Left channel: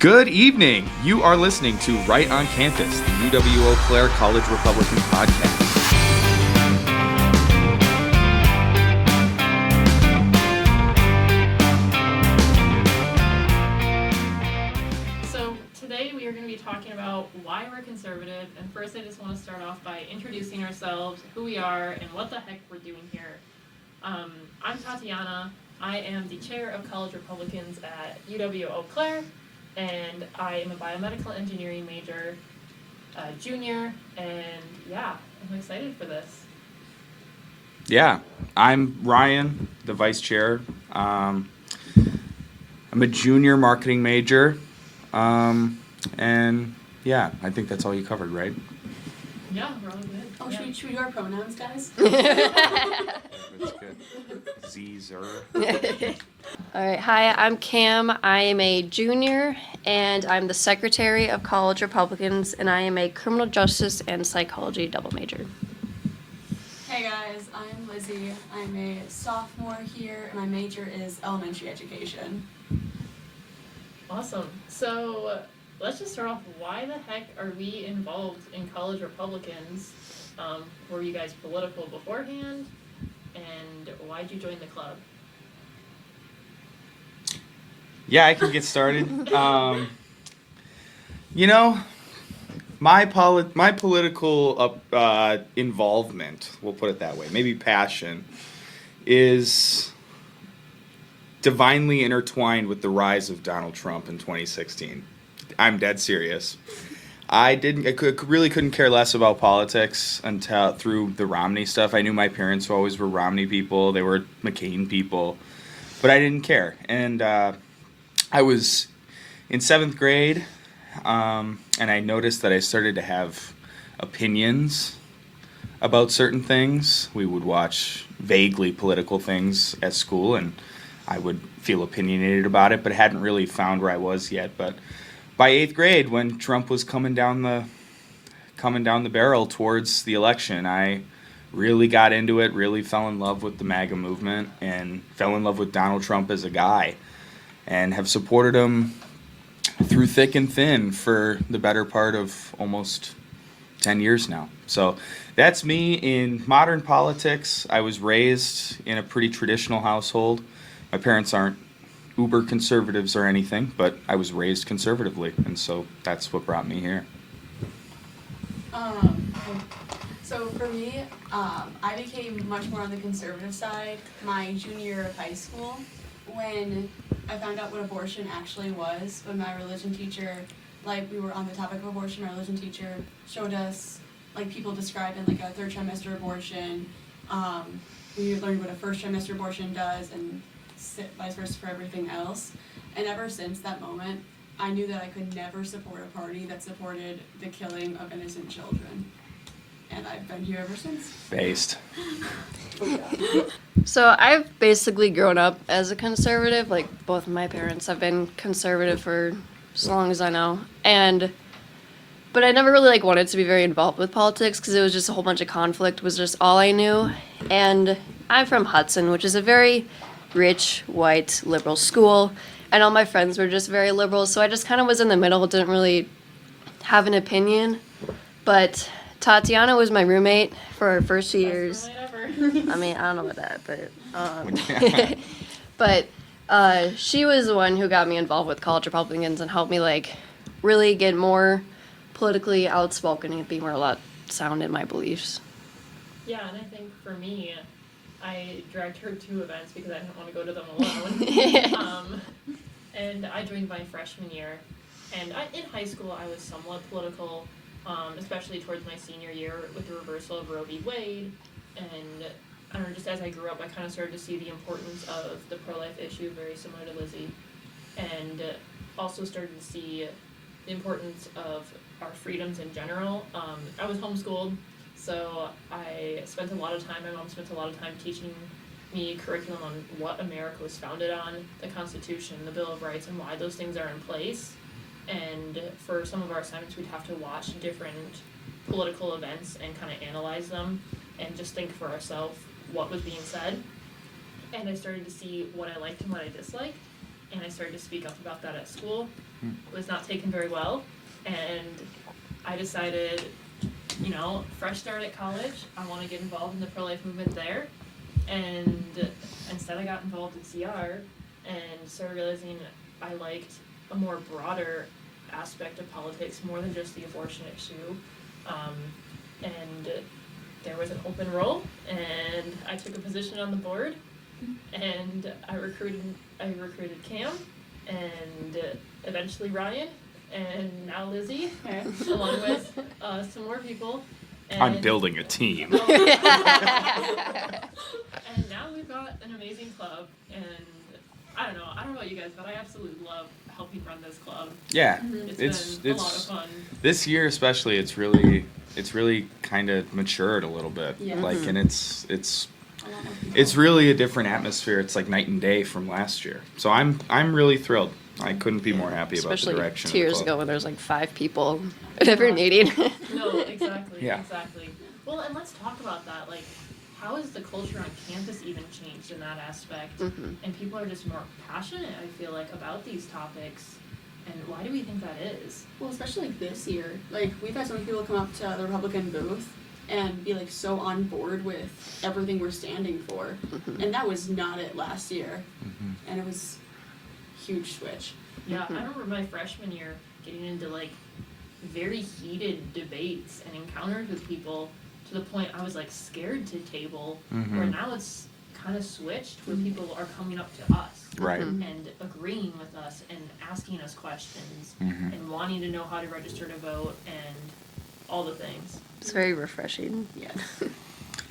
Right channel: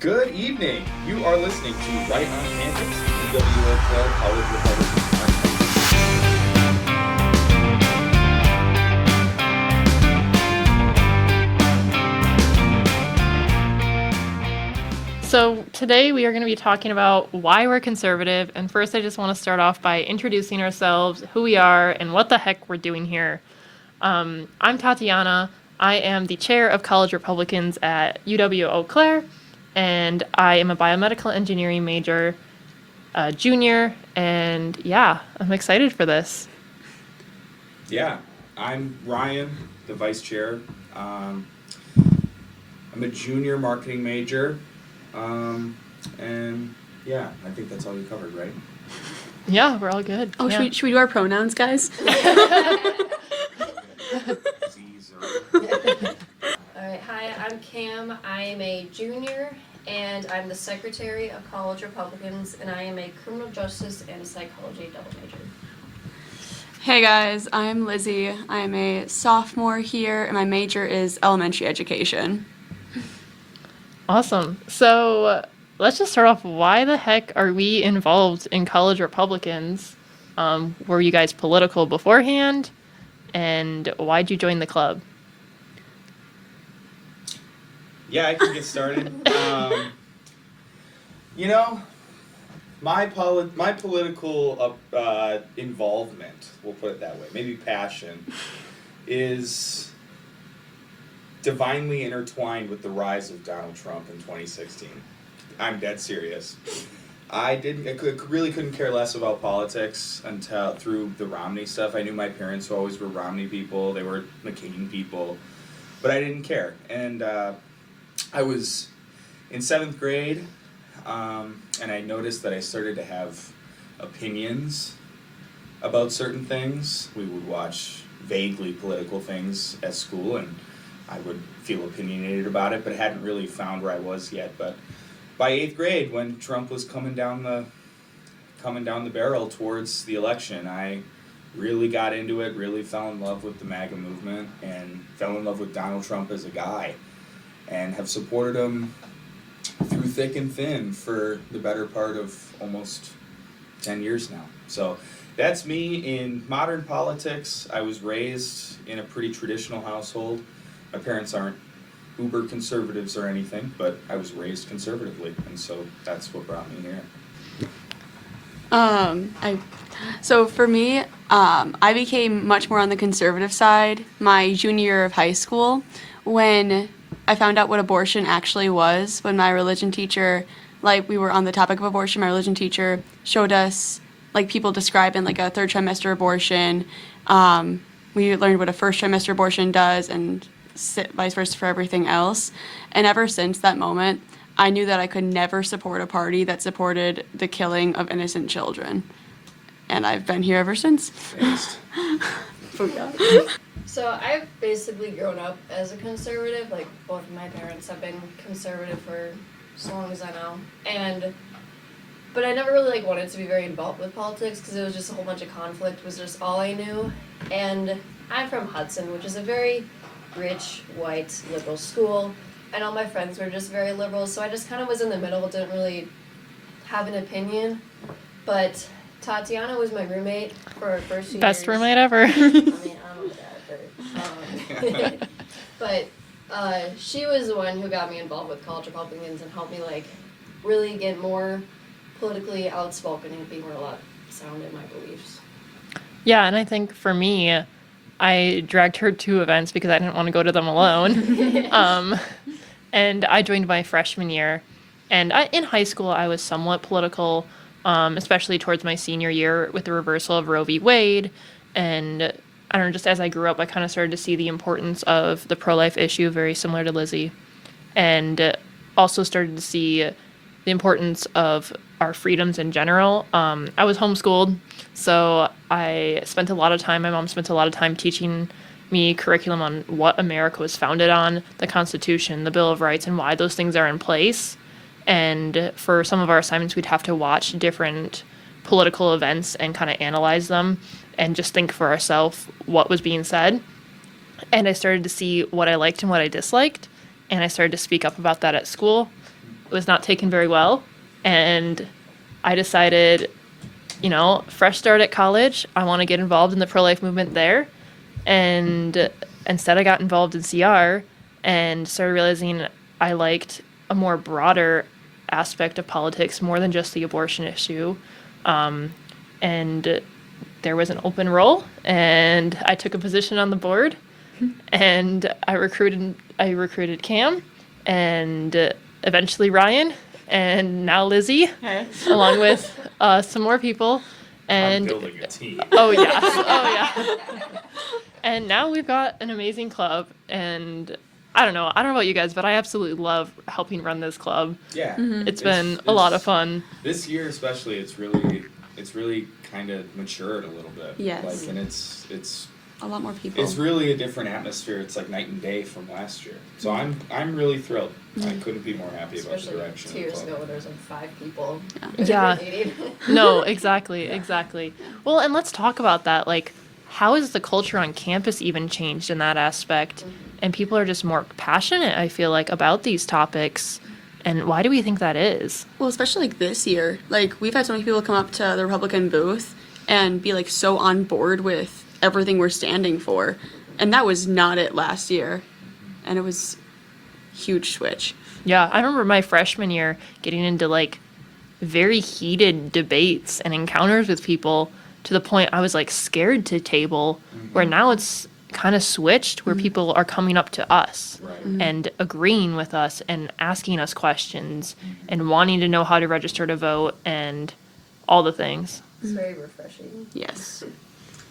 Good evening. You are listening to Right on Campus, the UW Eau Claire College Republican podcast. So today we are going to be talking about why we're conservative. And first, I just want to start off by introducing ourselves, who we are, and what the heck we're doing here. I'm Tatiana. I am the chair of College Republicans at UW Eau Claire, and I am a biomedical engineering major, junior, and yeah, I'm excited for this. Yeah, I'm Ryan, the vice chair. I'm a junior marketing major, and yeah, I think that's all you covered, right? Yeah, we're all good. Oh, yeah. should we do our pronouns, guys? All right, hi, I'm Cam. I am a junior, and I'm the secretary of College Republicans, and I am a criminal justice and psychology double major. Hey guys, I'm Lizzie. I'm a sophomore here, and my major is elementary education. Awesome. So let's just start off. Why the heck are we involved in College Republicans? Were you guys political beforehand? And why'd you join the club? Yeah, I can get started. My political involvement, we'll put it that way, maybe passion, is divinely intertwined with the rise of Donald Trump in 2016. I'm dead serious. Really couldn't care less about politics until through the Romney stuff. I knew my parents always were Romney people. They were McCain people, but I didn't care. And I was in 7th grade, and I noticed that I started to have opinions about certain things. We would watch vaguely political things at school, and I would feel opinionated about it, but hadn't really found where I was yet. But by 8th grade, when Trump was coming down the barrel towards the election, I really got into it, really fell in love with the MAGA movement, and fell in love with Donald Trump as a guy, and have supported him through thick and thin for the better part of almost 10 years now. So that's me in modern politics. I was raised in a pretty traditional household. My parents aren't uber conservatives or anything, but I was raised conservatively, and so that's what brought me here. So for me, I became much more on the conservative side my junior year of high school when I found out what abortion actually was. When my religion teacher, we were on the topic of abortion, my religion teacher showed us, people describing, a 3rd trimester abortion. We learned what a 1st trimester abortion does and vice versa for everything else. And ever since that moment, I knew that I could never support a party that supported the killing of innocent children. And I've been here ever since. Based. So I've basically grown up as a conservative. Both of my parents have been conservative for as long as I know. But I never really wanted to be very involved with politics because it was just a whole bunch of conflict was just all I knew. And I'm from Hudson, which is a very rich, white, liberal school. And all my friends were just very liberal, so I just kind of was in the middle, didn't really have an opinion. But Tatiana was my roommate for our first few years. Best roommate ever. I mean, I don't know about that, but she was the one who got me involved with College Republicans and helped me really get more politically outspoken and be more sound in my beliefs. Yeah, and I think for me, I dragged her to events because I didn't want to go to them alone. And I joined my freshman year. And in high school, I was somewhat political, especially towards my senior year with the reversal of Roe v. Wade. And I don't know, just as I grew up, I kind of started to see the importance of the pro-life issue, very similar to Lizzie. And also started to see the importance of our freedoms in general. I was homeschooled, so I spent a lot of time, my mom spent a lot of time teaching me curriculum on what America was founded on, the Constitution, the Bill of Rights, and why those things are in place. And for some of our assignments, we'd have to watch different political events and kind of analyze them and just think for ourselves what was being said. And I started to see what I liked and what I disliked, and I started to speak up about that at school. was not taken very well. And I decided, fresh start at college, I want to get involved in the pro-life movement there. And instead I got involved in CR and started realizing I liked a more broader aspect of politics more than just the abortion issue. And there was an open role, and I took a position on the board, and I recruited Cam, and eventually Ryan, and now Lizzie, along with some more people. And I'm building a team. Oh yeah, oh yeah. And now we've got an amazing club, and I don't know about you guys, but I absolutely love helping run this club. Yeah. It's been a lot of fun. This year especially, it's really kind of matured a little bit. Yes. Like, and it's A lot more people. it's really a different atmosphere. It's like night and day from last year. So I'm really thrilled. I couldn't be more happy about the Especially direction. 2 of the years club. ago when there was like 5 people Yeah. every meeting. No, exactly, Yeah. exactly. Well, and let's talk about that. Like, how has the culture on campus even changed in that aspect? And people are just more passionate, I feel like, about these topics. And why do we think that is? Well, especially like this year. Like, we've had so many people come up to the Republican booth and be like so on board with everything we're standing for. And that was not it last year. And it was huge switch. Yeah, I remember my freshman year getting into like very heated debates and encounters with people to the point I was like scared to table, where now it's kind of switched where people are coming up to us Right. and agreeing with us and asking us questions and wanting to know how to register to vote and all the things. It's very refreshing. Yes.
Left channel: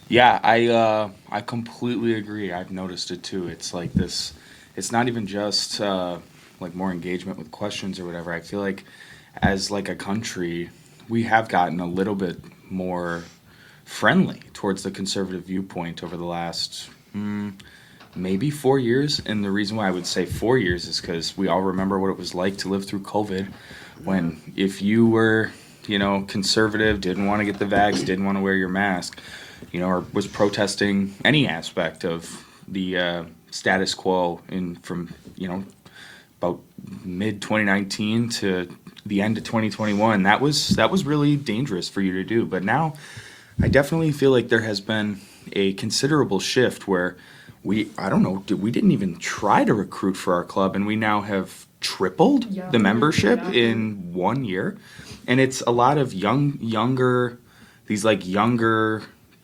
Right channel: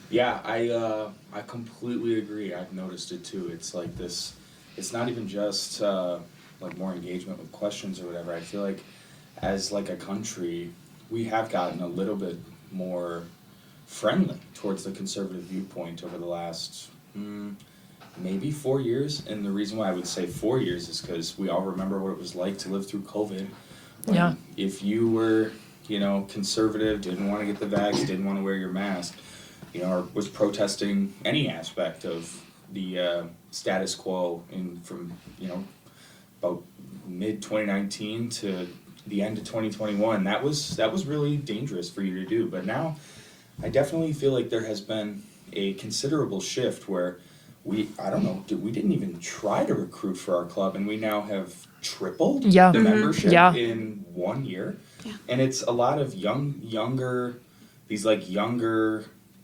Yeah, I completely agree. I've noticed it too. It's like this. It's not even just like more engagement with questions or whatever. I feel like as like a country, we have gotten a little bit more friendly towards the conservative viewpoint over the last maybe 4 years. And the reason why I would say 4 years is because we all remember what it was like to live through COVID, when Yeah. if you were conservative, didn't want to get the vax, didn't want to wear your mask, or was protesting any aspect of the status quo from about mid 2019 to the end of 2021. That was really dangerous for you to do. But now, I definitely feel like there has been a considerable shift where we didn't even try to recruit for our club, and we now have tripled Yeah. the membership Yeah. in 1 year. And it's a lot of younger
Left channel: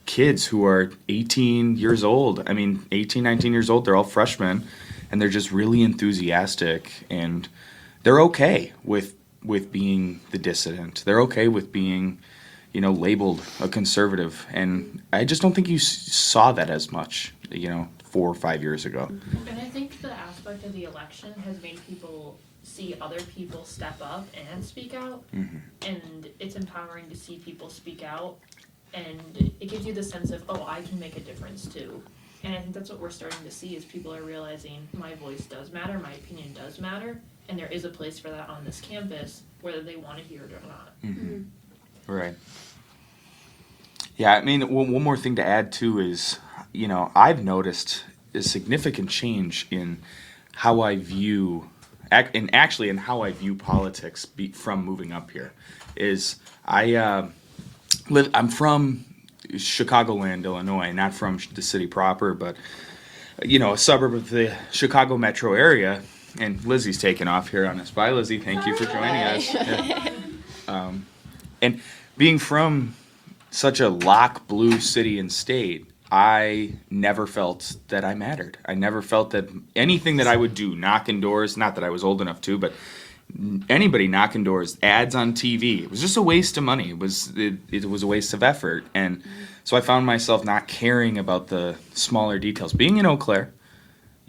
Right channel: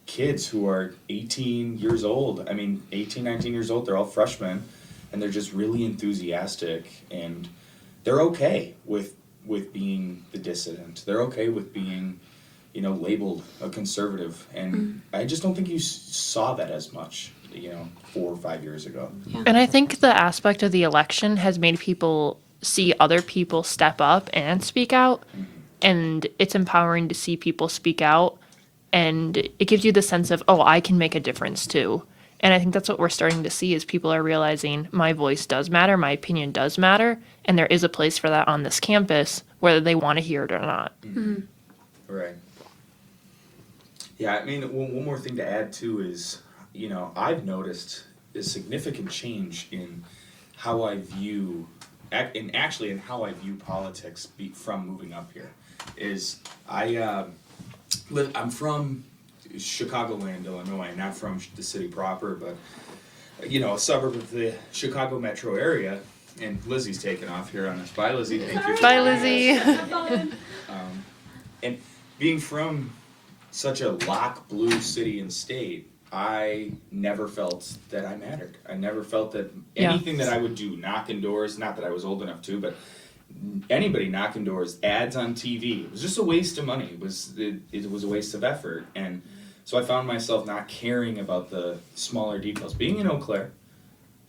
kids who are 18 years old. I mean, 18, 19 years old, they're all freshmen, and they're just really enthusiastic, and they're okay with being the dissident. They're okay with being, labeled a conservative. And I just don't think you saw that as much, 4 or 5 years ago. And I think the aspect of the election has made people see other people step up and speak out. And it's empowering to see people speak out. And it gives you the sense of, oh, I can make a difference too. And I think that's what we're starting to see is people are realizing my voice does matter, my opinion does matter, and there is a place for that on this campus, whether they want to hear it or not. Right. Yeah, I mean, one more thing to add too is, I've noticed a significant change in how I view, and actually in how I view politics from moving up here. Is I'm from Chicagoland, Illinois, not from the city proper, but a suburb of the Chicago metro area. And Lizzie's taking off here on us. Bye, Lizzie. Thank you for Bye, joining us. Lizzie. And being from such a lock blue city and state, I never felt that I mattered. I never felt that anything that I would do, knocking doors, not that I was old enough to, but anybody knocking doors, ads on TV, it was just a waste of money. It was a waste of effort. And so I found myself not caring about the smaller details. Being in Eau Claire,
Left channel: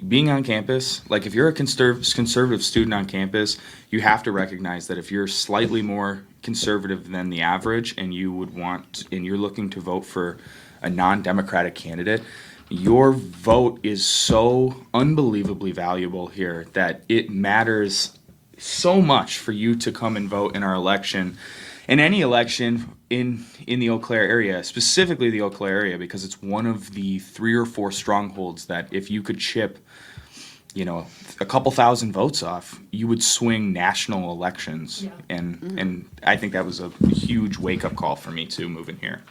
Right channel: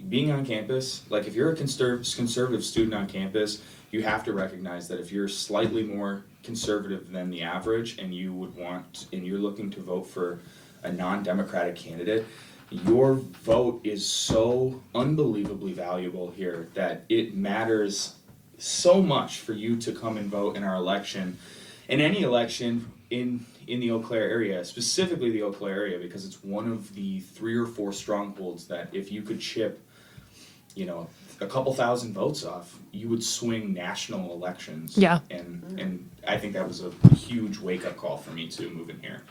being on campus, like if you're a conservative student on campus, you have to recognize that if you're slightly more conservative than the average and you're looking to vote for a non-democratic candidate, your vote is so unbelievably valuable here that it matters so much for you to come and vote in our election, in any election in the Eau Claire area, specifically the Eau Claire area, because it's one of the 3 or 4 strongholds that if you could chip a couple thousand votes off, you would swing national elections. Yeah. And I think that was a huge wake up call for me too, moving here.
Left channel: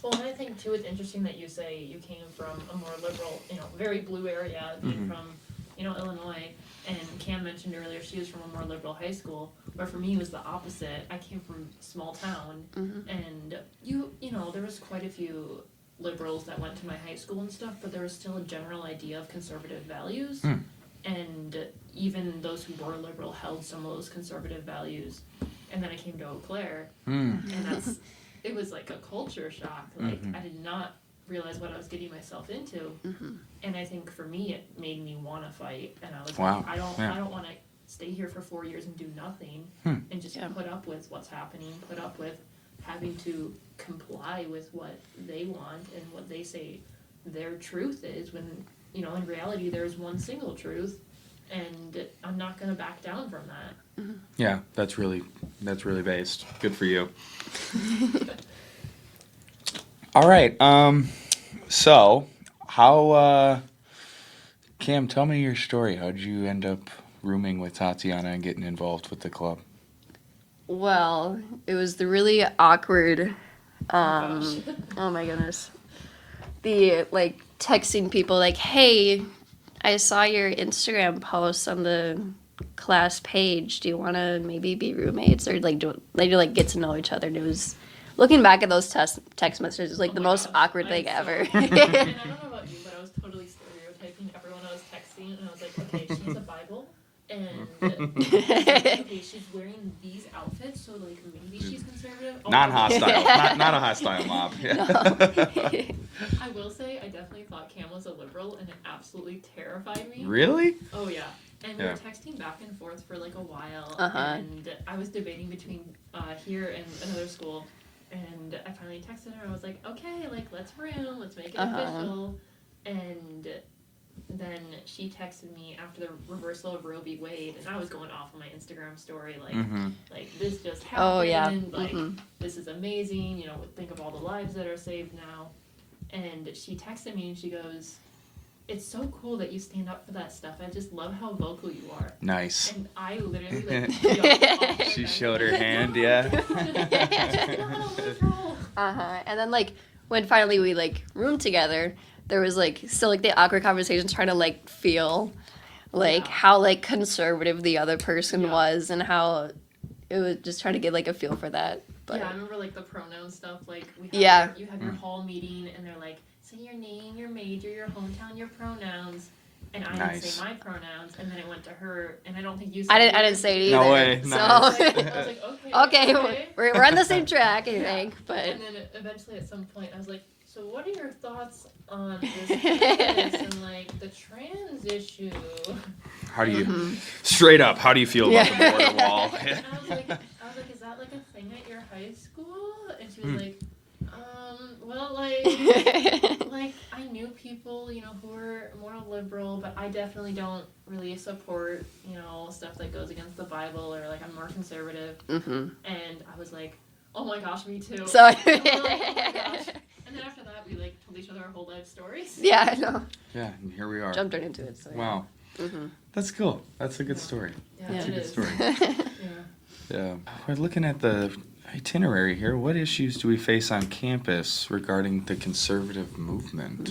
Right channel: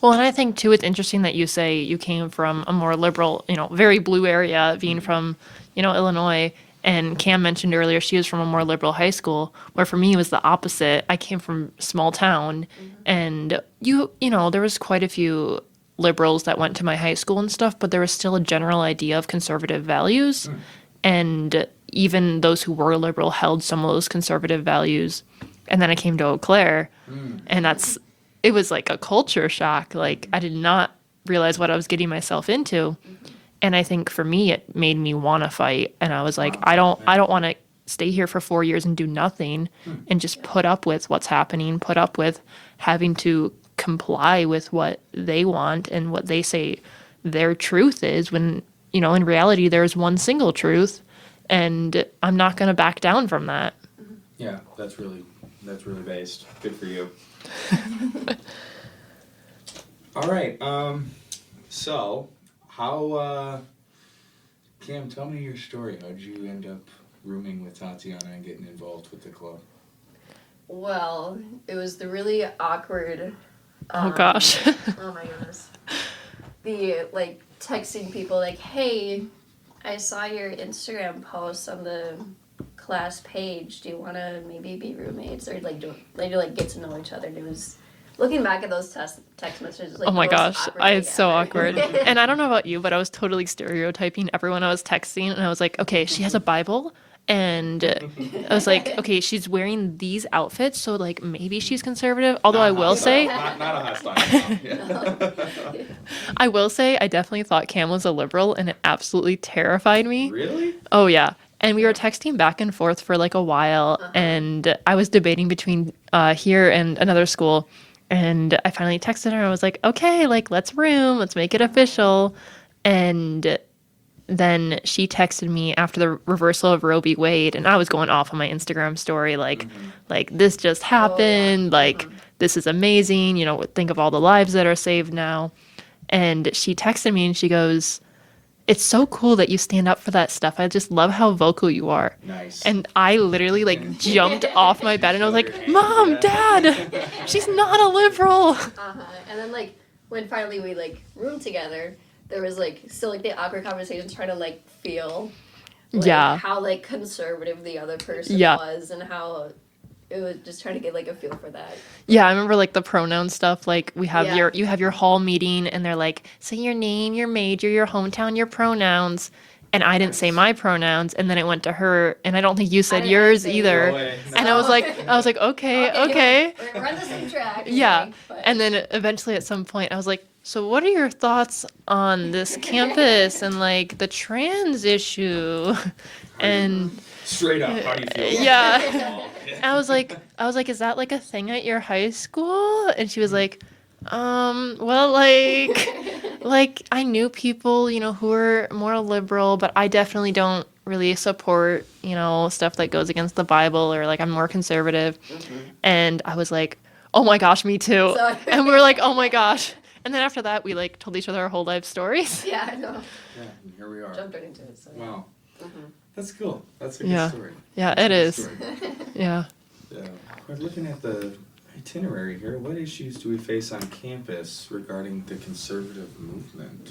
Well, and I think too, it's interesting that you say you came from a more liberal, very blue area, being from, Illinois. And Cam mentioned earlier she was from a more liberal high school, where for me it was the opposite. I came from small town, and there was quite a few liberals that went to my high school and stuff, but there was still a general idea of conservative values, and even those who were liberal held some of those conservative values. And then I came to Eau Claire, and it was like a culture shock. Like I did not realize what I was getting myself into. And I think for me, it made me want to fight. And I was like, Wow. I don't want to stay here for 4 years and do nothing and just put up with what's happening, put up with having to comply with what they want and what they say their truth is, when, in reality, there's one single truth. And I'm not going to back down from that. Yeah, that's really based. Good for you. All right. So how, Cam, tell me your story. How'd you end up rooming with Tatiana and getting involved with the club? Well, it was the really awkward. Oh, gosh. Oh my goodness. The texting people hey, I saw your Instagram post on the class page. Do you want to maybe be roommates or get to know each other? And it was, looking back at those text messages, Oh the my most gosh, awkward it's thing so ever. awkward. And I don't know about you, but I was totally stereotyping everyone I was texting, and I was like, okay, she has a Bible, and I was like, okay, she's wearing these outfits, so maybe she's conservative. Although I will say, not a hostile. Yeah. I will say, I definitely thought Cam was a liberal, and it absolutely terrified me. Really? Oh yeah. And we Yeah. were texting back and forth for a while, and I was debating between here and another school. And I finally texted her. I was like, okay, let's room. Let's make it official. And then she texted me after the reversal of Roe v. Wade. And I was going off on my Instagram story, this just happened. This is amazing. Think of all the lives that are saved now. And she texted me and she goes, it's so cool that you stand up for that stuff. I just love how vocal you are. Nice. And I literally jumped off my bed and I was showed like, her hand, Mom, yeah. Dad, she's not a liberal. And then when finally we roomed together, there was still the awkward conversations trying to feel Yeah. how conservative the other person Yeah. was, and how it was just trying to get a feel for that. Yeah, I remember the pronoun stuff. We have Yeah. you have your hall meeting and they're like, say your name, your major, your hometown, your pronouns. And I didn't say Nice. my pronouns, and then it went to her, and I don't think you said didn't yours say either. yours. No way. And I was like, okay. We're on the same track. I Yeah. think, but And then eventually at some point I was like, so what are your thoughts on this campus and the trans issue? How do you- And straight up, how do you feel about Yeah. that wall? I was like, is that a thing at your high school? And she was like, well, I knew people, who were more liberal, but I definitely don't really support, stuff that goes against the Bible, or I'm more conservative. And I was like, oh my gosh, me too. So- And we were like, oh my gosh. And then after that, we told each other our whole life stories. yeah, I know. Yeah, and here we are. Jumped right into it. So yeah. Wow. That's cool. That's a good Yeah. story. Yeah, That's it a good is. story. Yeah. Yeah. We're looking at the itinerary here. What issues do we face on campus regarding the conservative movement?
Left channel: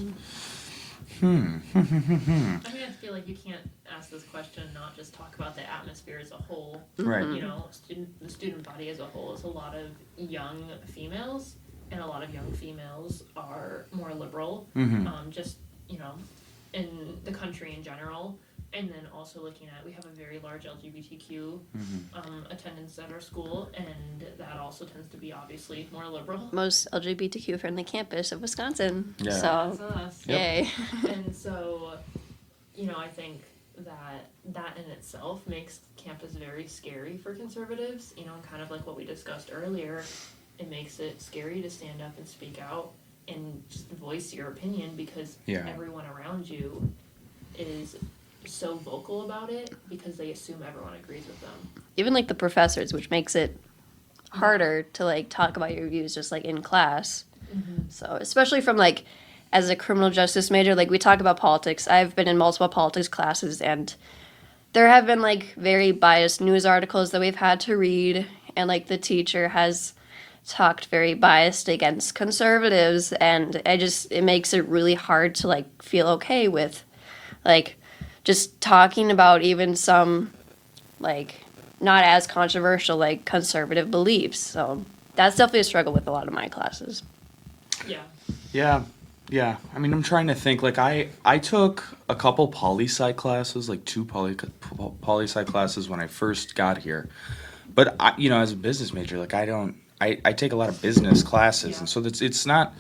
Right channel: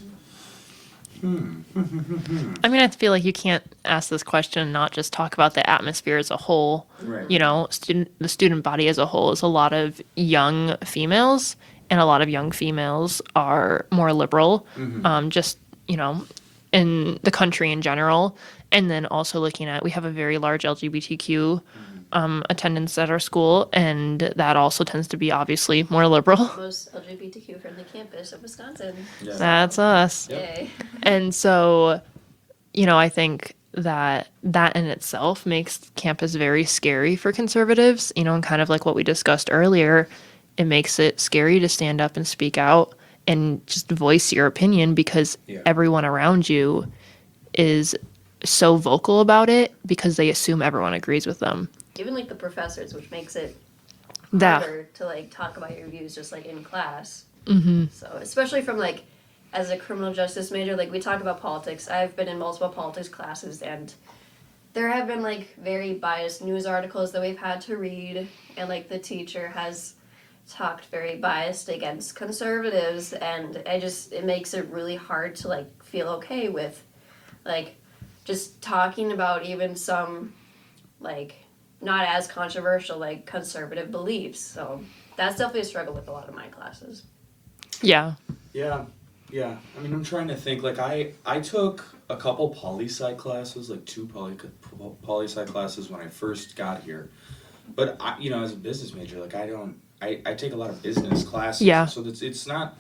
I mean, I feel like you can't ask this question and not just talk about the atmosphere as a whole. Right. The student body as a whole is a lot of young females, and a lot of young females are more liberal, just, in the country in general. And then also looking at, we have a very large LGBTQ attendance at our school, and that also tends to be obviously more liberal. Most LGBTQ friendly campus of Wisconsin. Yeah. That's us. Yay. And so, I think that in itself makes campus very scary for conservatives, and kind of like what we discussed earlier, it makes it scary to stand up and speak out and just voice your opinion, because Yeah. everyone around you is so vocal about it because they assume everyone agrees with them. Even the professors, which makes it That- harder to talk about your views just in class. Mm-hmm. So especially from as a criminal justice major, like we talk about politics. I've been in multiple politics classes, and there have been like very biased news articles that we've had to read, and like the teacher has talked very biased against conservatives, and it makes it really hard to like feel okay with like just talking about even some like not as controversial like conservative beliefs. So that's definitely a struggle with a lot of my classes. Yeah. Yeah. Yeah. I mean, I'm trying to think. Like, I took a couple poli-sci classes, like two poli-sci classes when I first got here. But, as a business major, like, I take a lot of business classes. Yeah. So it's not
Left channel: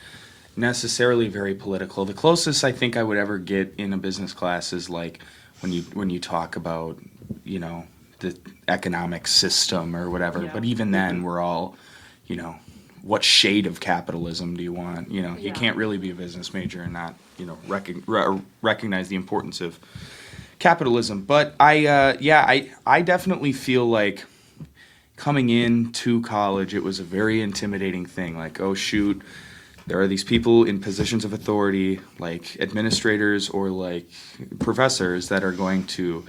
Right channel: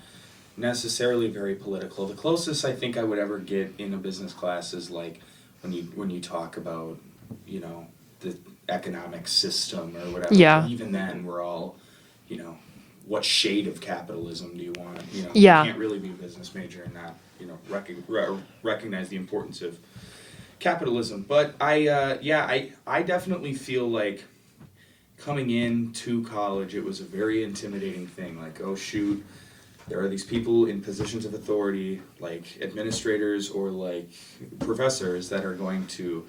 necessarily very political. The closest I think I would ever get in a business class is, like, when you talk about, the economic system or whatever. Yeah. But even then, we're all, what shade of capitalism do you want? Yeah. You can't really be a business major and not, recognize the importance of capitalism. But I definitely feel like coming into college, it was a very intimidating thing. Like, oh shoot, there are these people in positions of authority, like administrators or like professors, that are going to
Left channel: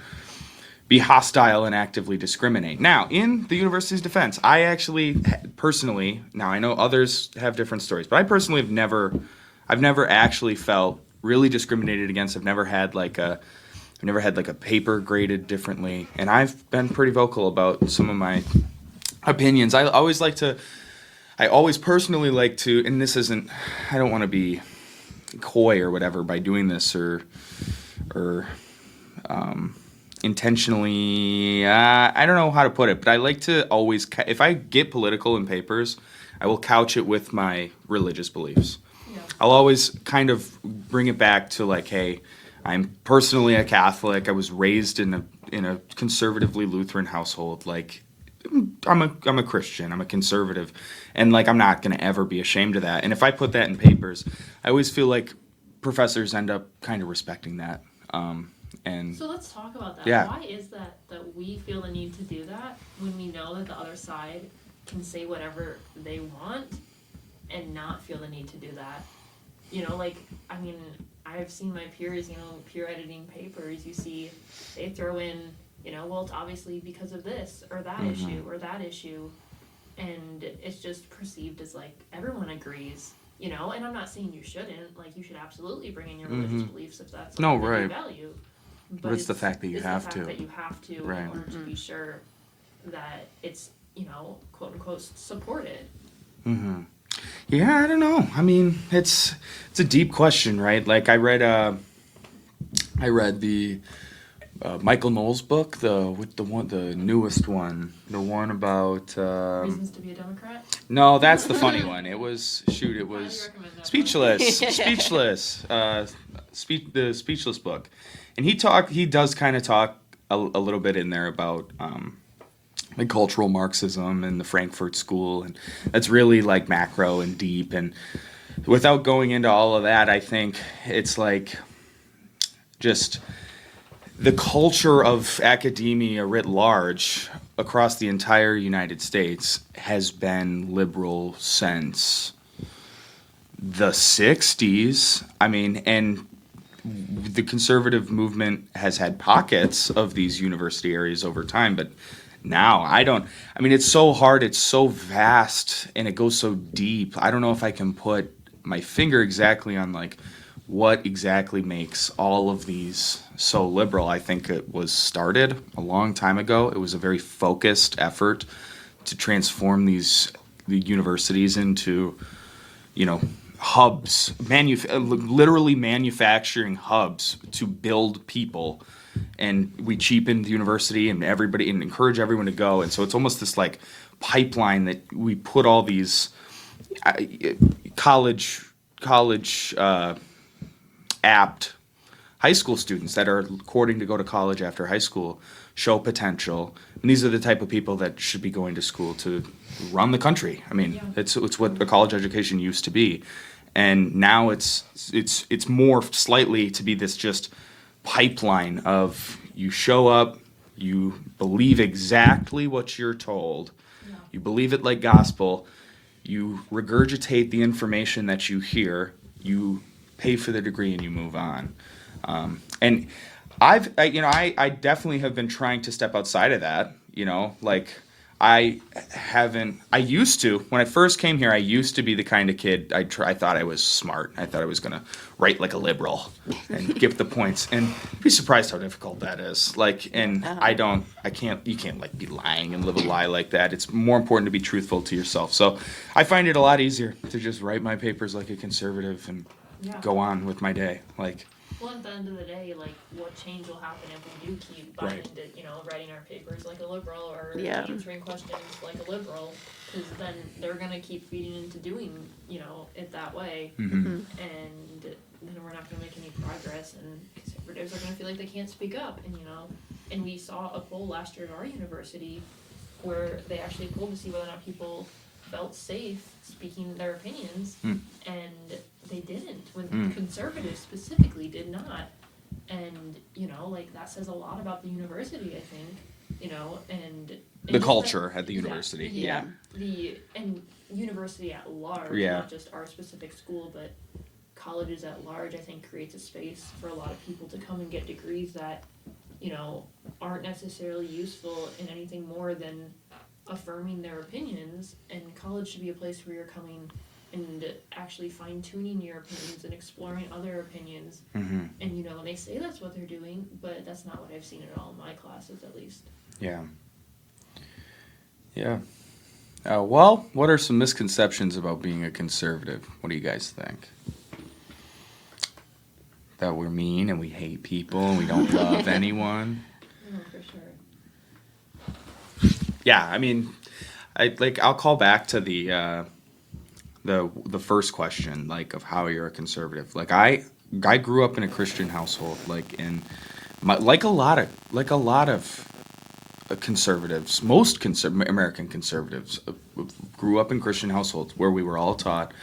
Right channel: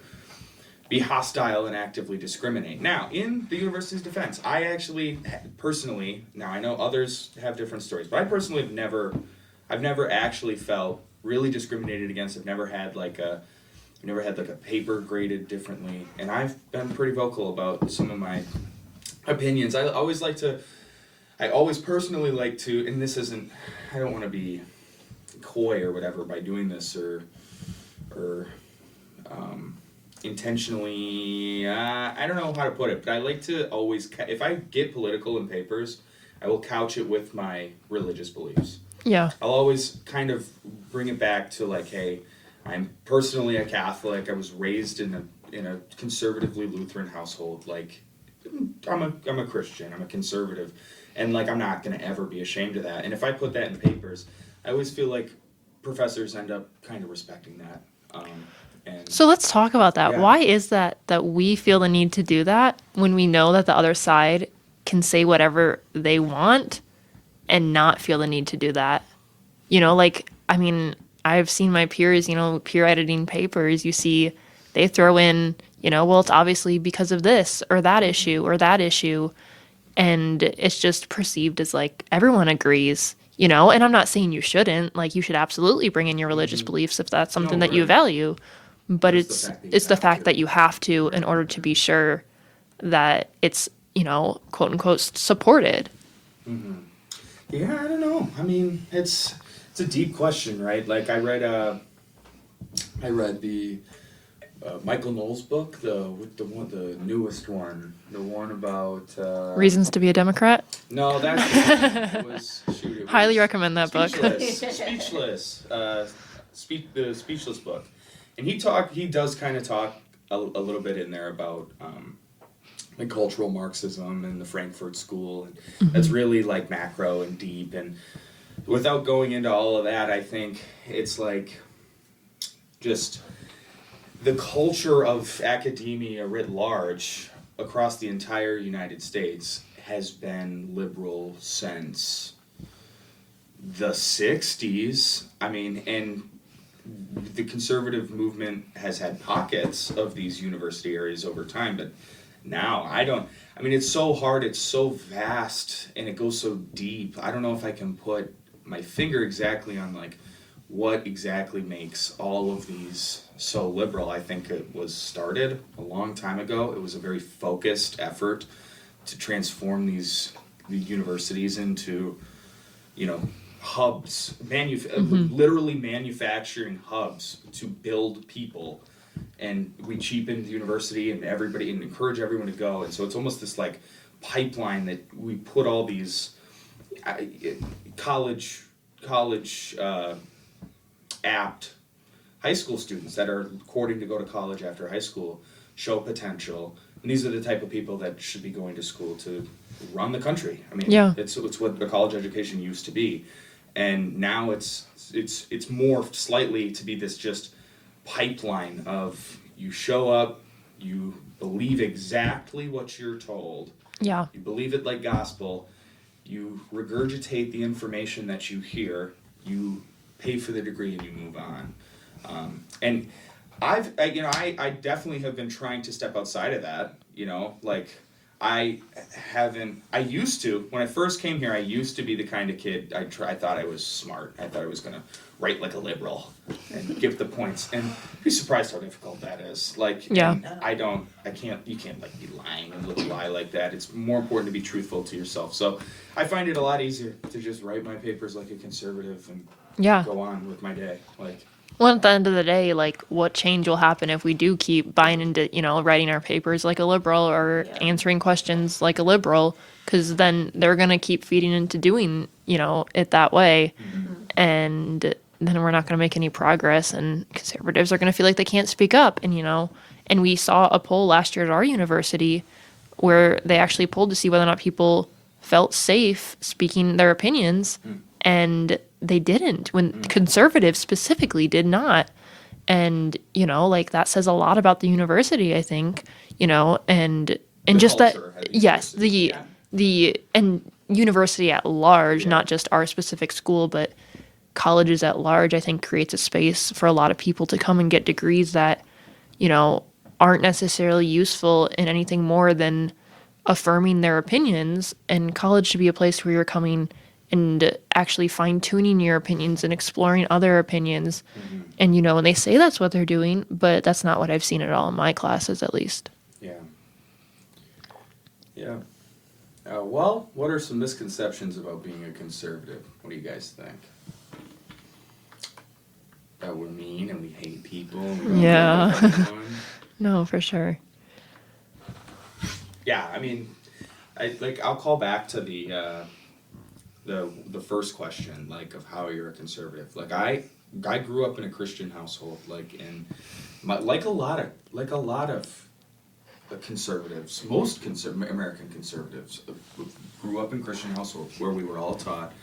be hostile and actively discriminate. Now, in the university's defense, I actually personally, now I know others have different stories, but I personally I've never actually felt really discriminated against. I've never had like a paper graded differently, and I've been pretty vocal about some of my opinions. I always personally like to, and this isn't, I don't want to be coy or whatever by doing this or intentionally, I don't know how to put it, but I like to always, if I get political in papers, I will couch it with my religious beliefs. Yeah. I'll always kind of bring it back to like, hey, I'm personally a Catholic. I was raised in a conservatively Lutheran household. Like, I'm a Christian. I'm a conservative, and like I'm not gonna ever be ashamed of that. And if I put that in papers, I always feel like professors end up kind of respecting that. And So let's talk about that. Yeah. Why is that we feel the need to do that when we know that the other side can say whatever they want and not feel the need to do that? I mean, I've seen my peers, peer editing papers, you see they throw in, well, it's obviously because of this or that issue or that issue. And it's just perceived as like everyone agrees, and I'm not saying you shouldn't, like you should absolutely bring in your religious beliefs if that's something that you right. value. But It's the fact that you it's the have fact to. that you have to in Right. order to be sure that it's, quote unquote supported. Yeah, I don't know. I mean, it's a deep question, right? Like I read the Michael Knowles book, the newest one, the one about Reasons to be a Democrat. No, that's the funny one. It was Highly recommend that book. Speechless, the Speechless book, and he does kind of talk a little bit in there about like cultural Marxism and the Frankfurt School, and that's really like macro and deep. And without going into all of that, I think it's like just the culture of academia writ large across the entire United States has been liberal since the 60s. I mean, and the conservative movement has had pockets of these university areas over time, but now it's so hard, it's so vast, and it goes so deep. I don't know if I can put my finger exactly on like what exactly makes all of these so liberal. I think it was started a long time ago. It was a very focused effort to transform the universities into, hubs, literally manufacturing hubs to build people. And we cheapened the university and encourage everyone to go. And so it's almost this like pipeline that we put all these college apt high school students that are courting to go to college after high school, show potential, and these are the type of people that should be going to school to run the country. I mean, Yeah. it's what a college education used to be, and now it's morphed slightly to be this just pipeline of you show up, you believe exactly what you're told, Yeah. you believe it like gospel, you regurgitate the information that you hear, you pay for the degree and you move on. And I definitely have been trying to step outside of that, like I used to, when I first came here, I used to be the kind of kid, I thought I was smart. I thought I was going to write like a liberal and give the points, and you'd be surprised how difficult that is. Like, Yeah. and you can't like be lying and live a lie like that. It's more important to be truthful to yourself. So I find it a lot easier to just write my papers like a conservative and Yeah. go on with my day. Like, Well, at the end of the day, like, what change will happen if we do keep buying into, writing our papers like a liberal or Yeah. answering questions like a liberal? Because then they're going to keep feeding into doing, it that way. And then we're not going to make any progress. And conservatives are going to feel like they can't speak up. And we saw a poll last year at our university where they actually polled to see whether or not people felt safe speaking their opinions. And they didn't, when conservatives specifically did not. And like, that says a lot about the university, I think, and The just culture that at the yes, university. the and university at large, Yeah. not just our specific school, but colleges at large, I think creates a space for a lot of people to come and get degrees that aren't necessarily useful in anything more than affirming their opinions. And college should be a place where you're coming and actually fine-tuning your opinions and exploring other opinions. And and they say that's what they're doing, but that's not what I've seen at all in my classes, at least. Yeah. Yeah. Well, what are some misconceptions about being a conservative? What do you guys think? That we're mean and we hate people and we don't Yeah. love anyone. No, for sure. Yeah, I mean, I'll call back to the first question, like, of how you're a conservative. Like, I grew up in a Christian household, like a lot of conservatives, most American conservatives grew up in Christian households where we were all taught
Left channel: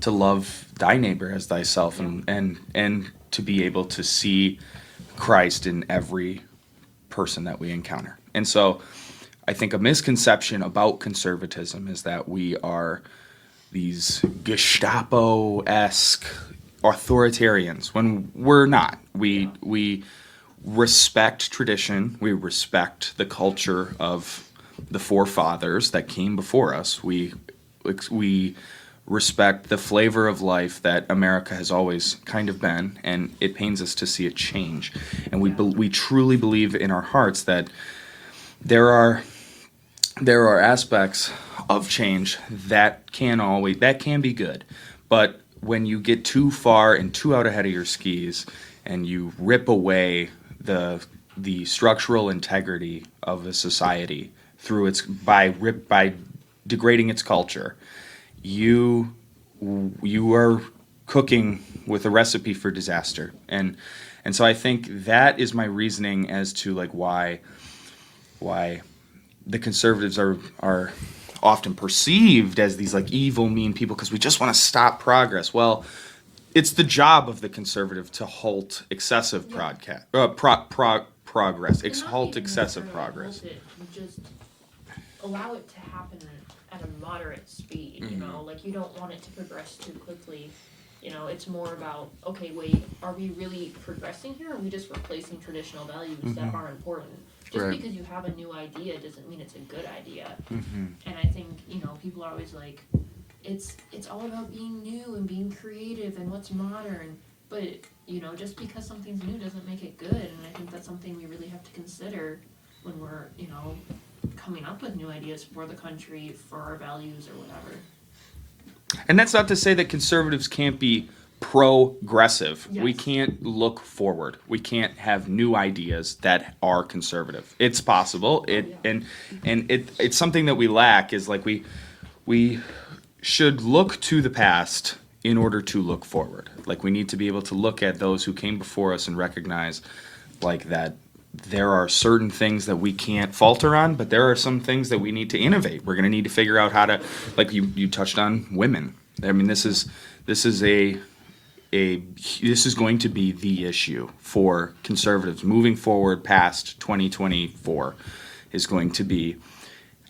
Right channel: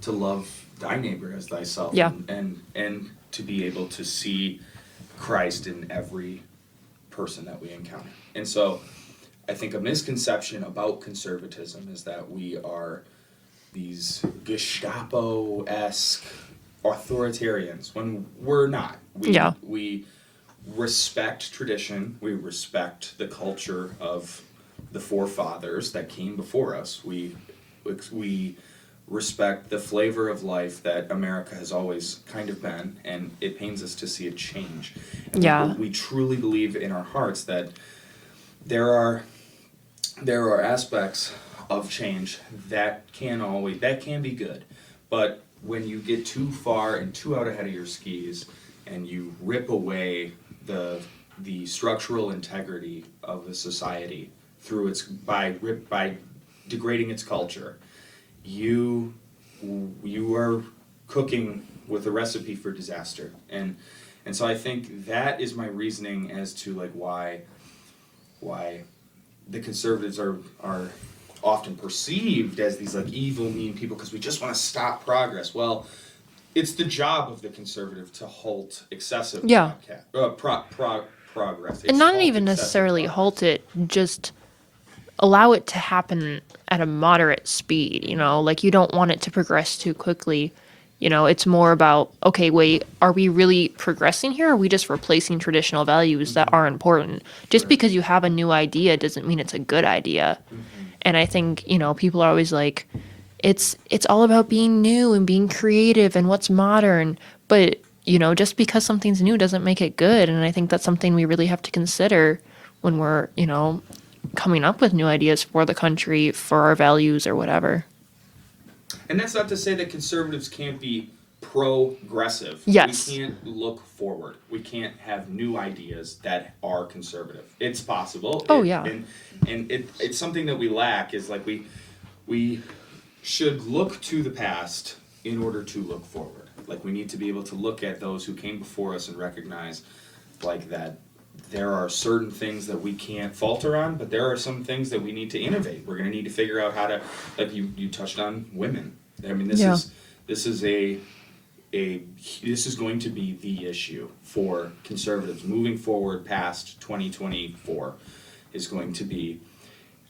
to love thy neighbor as thyself, Yeah. and to be able to see Christ in every person that we encounter. And so I think a misconception about conservatism is that we are these Gestapo-esque authoritarians, when we're not. We respect tradition. We respect the culture of the forefathers that came before us. We respect the flavor of life that America has always kind of been, and it pains us to see it change. And Yeah. we truly believe in our hearts that there are aspects of change that can be good, but when you get too far and too out ahead of your skis and you rip away the structural integrity of a society through by degrading its culture, you are cooking with a recipe for disaster. And so I think that is my reasoning as to like why the conservatives are often perceived as these like evil, mean people, because we just want to stop progress. Well, it's the job of the conservative to halt excessive Yeah. progress. And not Halt even excessive necessarily progress. halt it, just allow it to happen at a moderate speed, like you don't want it to progress too quickly. It's more about, okay, wait, are we really progressing here? Or are we just replacing traditional values that are important? Just Right. because you have a new idea doesn't mean it's a good idea. And I think, people are always like, it's all about being new and being creative and what's modern. But, just because something's new doesn't make it good. And I think that's something we really have to consider when we're, coming up with new ideas for the country, for our values or whatever. And that's not to say that conservatives can't be progressive. Yes. We can't look forward. We can't have new ideas that are conservative. It's possible. Oh, yeah. And it's something that we lack is like we should look to the past in order to look forward. Like we need to be able to look at those who came before us and recognize like that there are certain things that we can't falter on, but there are some things that we need to innovate. We're going to need to figure out how to, like you touched on women. I mean, this is going to be the issue for conservatives moving forward past 2024 is going to be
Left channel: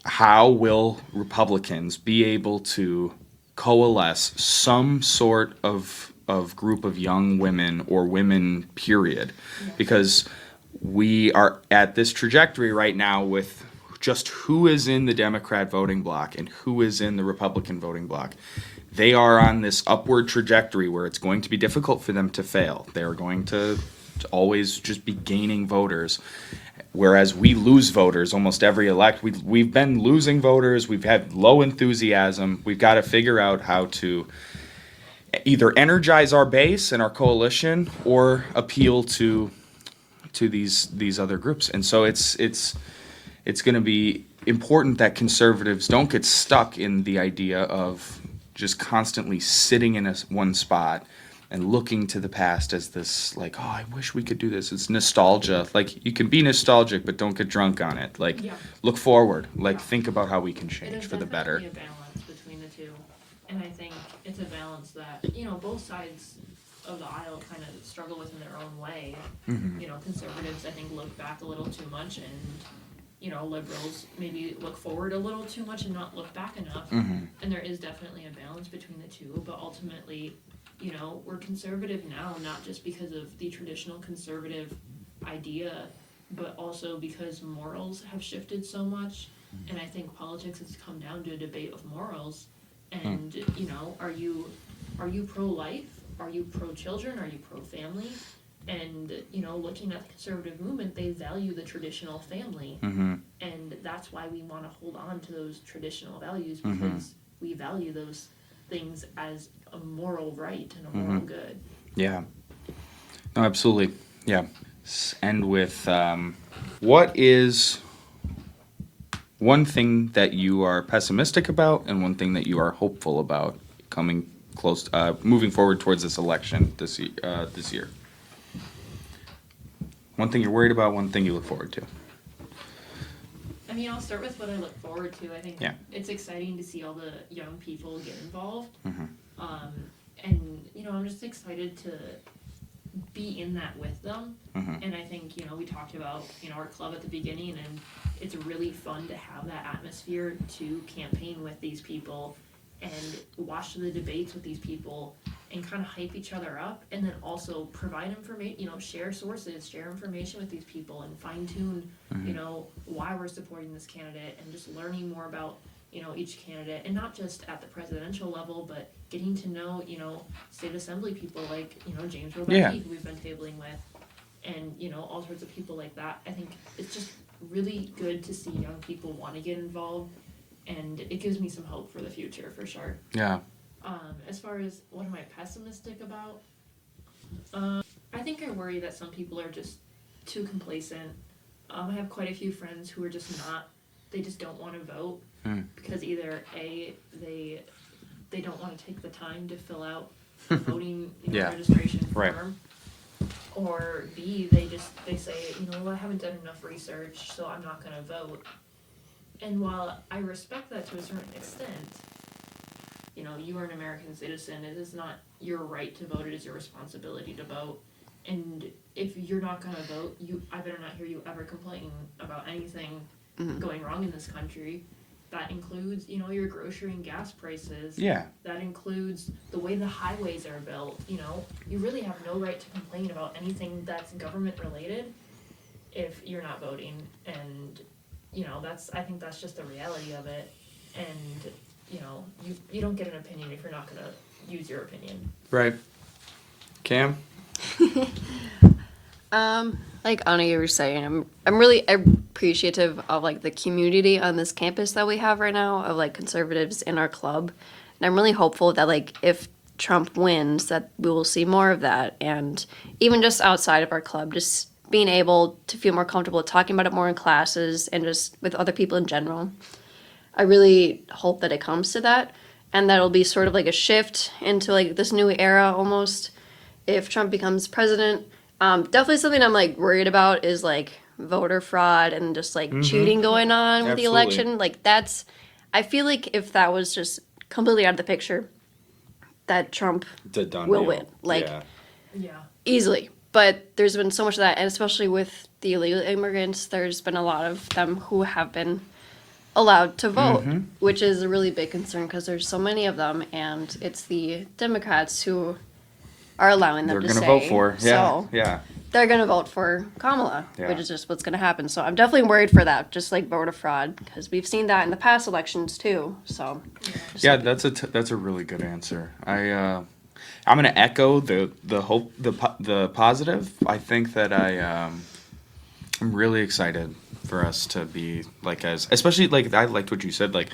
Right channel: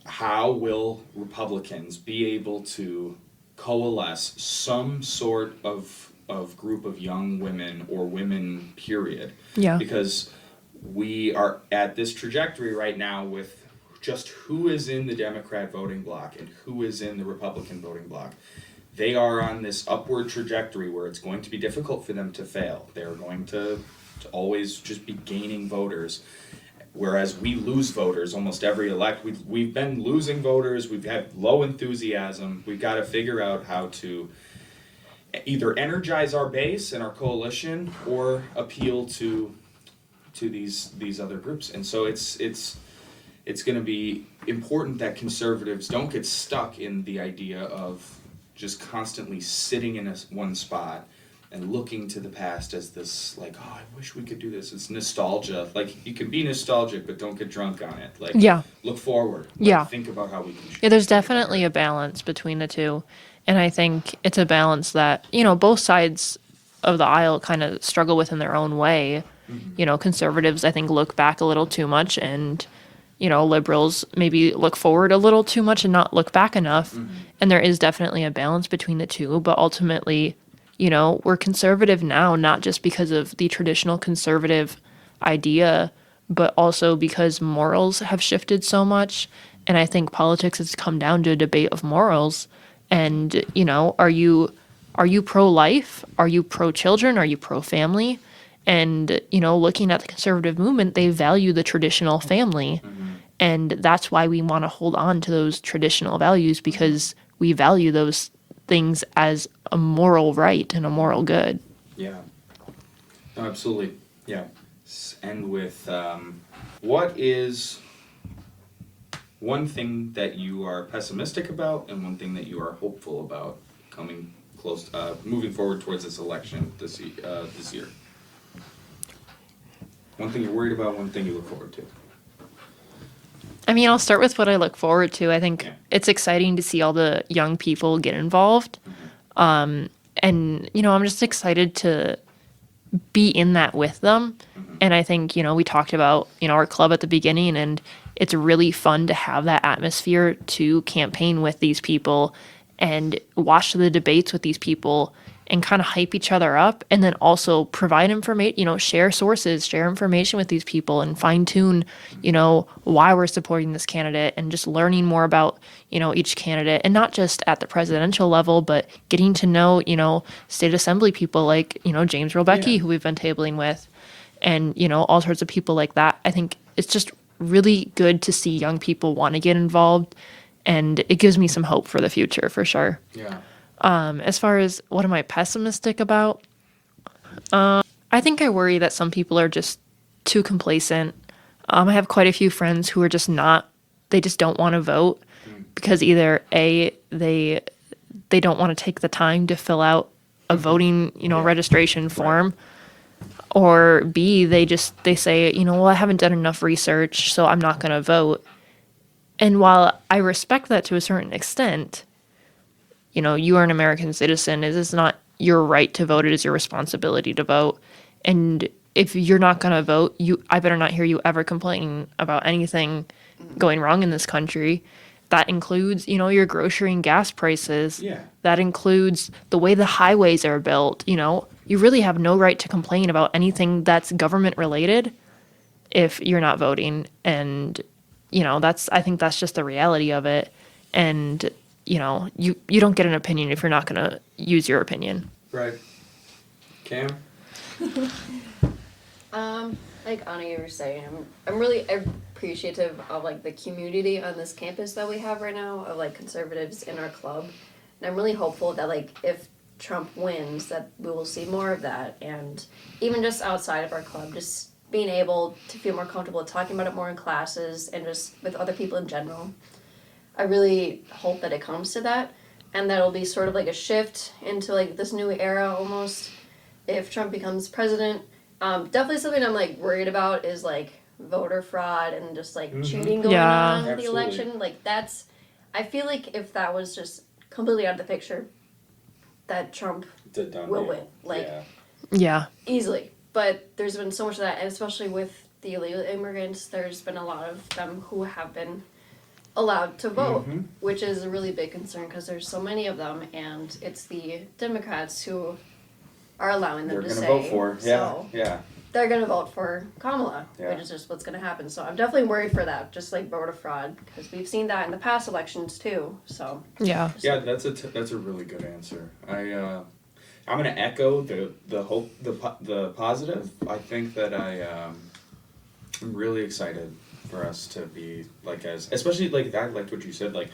how will Republicans be able to coalesce some sort of group of young women or women, period. Yeah. Because we are at this trajectory right now with just who is in the Democrat voting bloc and who is in the Republican voting bloc. They are on this upward trajectory where it's going to be difficult for them to fail. They're going to always just be gaining voters. Whereas we lose voters almost every elect. We've been losing voters. We've had low enthusiasm. We've got to figure out how to either energize our base and our coalition or appeal to these other groups. And so it's going to be important that conservatives don't get stuck in the idea of just constantly sitting in one spot and looking to the past as this, like, oh, I wish we could do this. It's nostalgia. Like, you can be nostalgic, but don't get drunk on it. Like, Yeah. look forward. Like, Yeah. think about how we can change. Yeah, there's for the definitely better. a balance between the two. And I think it's a balance that, you know, both sides of the aisle kind of struggle with in their own way. Mm-hmm. You know, conservatives, I think, look back a little too much, and, you know, liberals maybe look forward a little too much and not look back enough. Mm-hmm. And there is definitely a balance between the two. But ultimately, you know, we're conservative now, not just because of the traditional conservative idea, but also because morals have shifted so much. And I think politics has come down to a debate of morals. And, you know, are you pro-life? Are you pro-children? Are you pro-family? And, you know, looking at the conservative movement, they value the traditional family. And that's why we want to hold on to those traditional values, because we value those things as a moral right and a moral good. Yeah. No, absolutely. Yeah. End with what is one thing that you are pessimistic about and one thing that you are hopeful about coming close, moving forward towards this election this year? One thing you're worried about, one thing you look forward to. I mean, I'll start with what I look forward to. I think Yeah. it's exciting to see all the young people get involved. And, you know, I'm just excited to be in that with them. And I think, you know, we talked about, you know, our club at the beginning, and it's really fun to have that atmosphere to campaign with these people and watch the debates with these people and kind of hype each other up, and then also provide information, you know, share sources, share information with these people, and fine tune, you know, why we're supporting this candidate, and just learning more about, you know, each candidate, and not just at the presidential level, but getting to know, you know, state assembly people like, you know, James Robecki, Yeah. who we've been tabling with, and, you know, all sorts of people like that. I think it's just really good to see young people want to get involved, and it gives me some hope for the future, for sure. Yeah. As far as what am I pessimistic about? I think I worry that some people are just too complacent. I have quite a few friends who are just not, they just don't want to vote because either A, they don't want to take the time to fill out a voting, you know, Yeah. registration form. Or B, they say, you know, well, I haven't done enough research, so I'm not going to vote. And while I respect that to a certain extent, you know, you are an American citizen. It is not your right to vote. It is your responsibility to vote. And if you're not going to vote, I better not hear you ever complaining about anything going wrong in this country. That includes, you know, your grocery and gas prices. Yeah. That includes the way the highways are built. You know, you really have no right to complain about anything that's government related if you're not voting. And, you know, I think that's just the reality of it. And, you know, you don't get an opinion if you're not going to use your opinion. Right. Cam? Like Anna, you were saying, I'm really appreciative of like the community on this campus that we have right now of like conservatives in our club, and I'm really hopeful that like if Trump wins, that we will see more of that, and even just outside of our club, just being able to feel more comfortable talking about it more in classes and just with other people in general. I really hope that it comes to that, and that it'll be sort of like a shift into like this new era almost if Trump becomes president. Definitely something I'm like worried about is like voter fraud and just like cheating going Yeah. on with the Absolutely. election. Like I feel like if that was just completely out of the picture, that Trump The done will deal. win. Like Yeah. Yeah. easily. But there's been so much of that, and especially with the illegal immigrants, there's been a lot of them who have been allowed to vote, which is a really big concern because there's so many of them, and it's the Democrats who are allowing them They're to gonna stay. vote for. Yeah, So yeah. they're going to vote for Kamala, Yeah. which is just what's going to happen. So I'm definitely worried for that, just like voter fraud, because we've seen that in the past elections too. So Yeah. Yeah, that's a really good answer. I'm gonna echo the hope, the positive. I think that I'm really excited for us to be like, as especially like, I liked what you said, like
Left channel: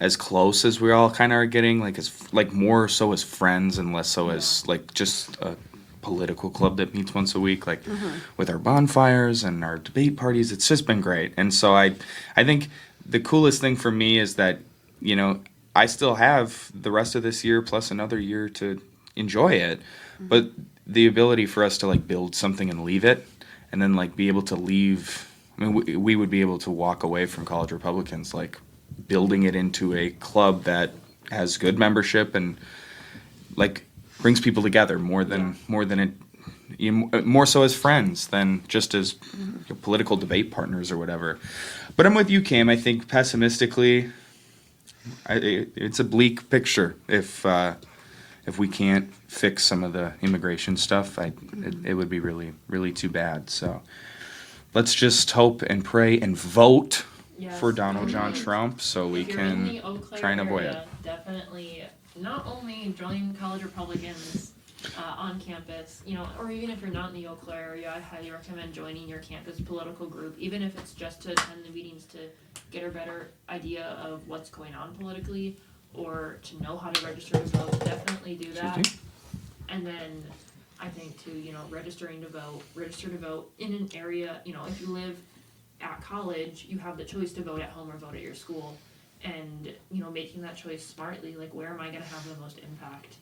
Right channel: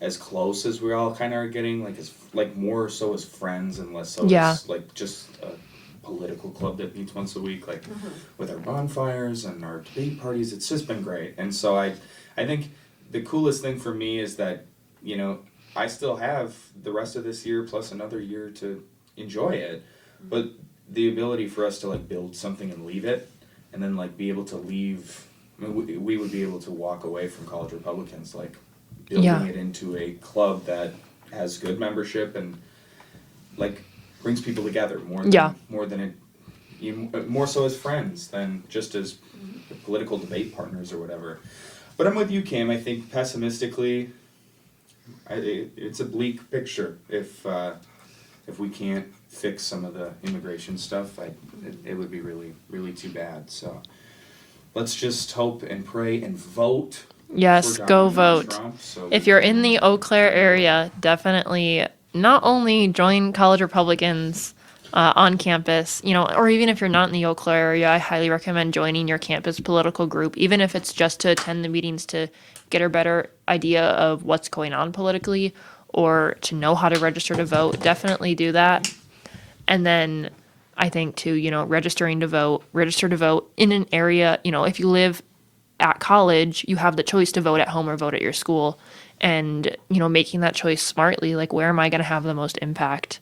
as close as we all kind of are getting, like as like more so as friends and less so Yeah. as like just a political club that meets once a week, like with our bonfires and our debate parties. It's just been great. And so I think the coolest thing for me is that, you know, I still have the rest of this year plus another year to enjoy it, but the ability for us to like build something and leave it, and then like be able to leave. I mean, we would be able to walk away from College Republicans, like building Yeah. it into a club that has good membership and like brings people together more than Yeah. more so as friends than just as political debate partners or whatever. But I'm with you, Cam. I think pessimistically, it's a bleak picture if we can't fix some of the immigration stuff. It would be really, really too bad. So let's just hope and pray and vote. Yes, for go Donald vote. Trump, so If we you're can in the Eau Claire kind of win. area, definitely not only join College Republicans on campus, you know, or even if you're not in the Eau Claire area, I highly recommend joining your campus political group, even if it's just to attend the meetings to get a better idea of what's going on politically or to know how to register to vote. Definitely do that. And then I think too, you know, register to vote in an area, you know, if you live at college, you have the choice to vote at home or vote at your school. And, you know, making that choice smartly, like where am I going to have the most impact?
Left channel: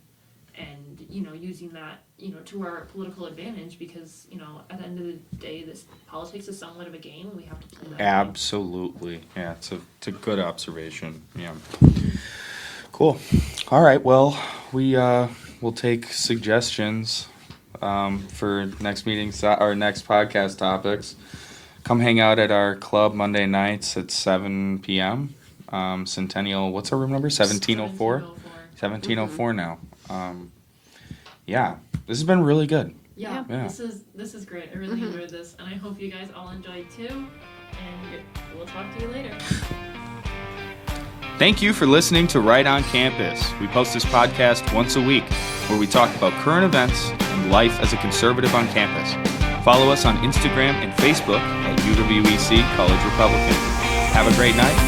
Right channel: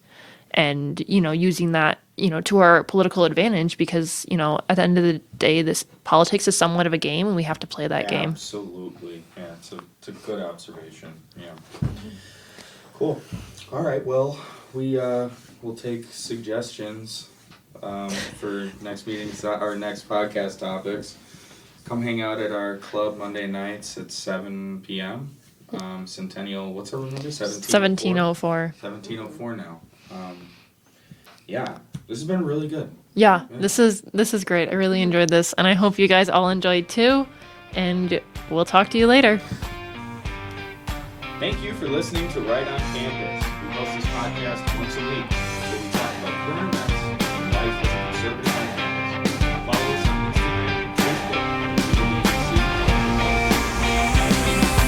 And, you know, using that, you know, to our political advantage because, you know, at the end of the day, this politics is somewhat of a game and we have to play that game. Absolutely. Yeah, it's a good observation. Yeah. Cool. All right. Well, we'll take suggestions for next meetings or next podcast topics. Come hang out at our club Monday nights at 7 p.m. Centennial. What's our room number? 1704. 1704. 1704 now. Yeah, this has been really good. Yeah, Yeah. this is great. I really enjoyed this, and I hope you guys all enjoyed too. And we'll talk to you later. Thank you for listening to Right on Campus. We post this podcast once a week where we talk about current events and life as a conservative on campus. Follow us on Instagram and Facebook at UWEC College Republican. Have a great night.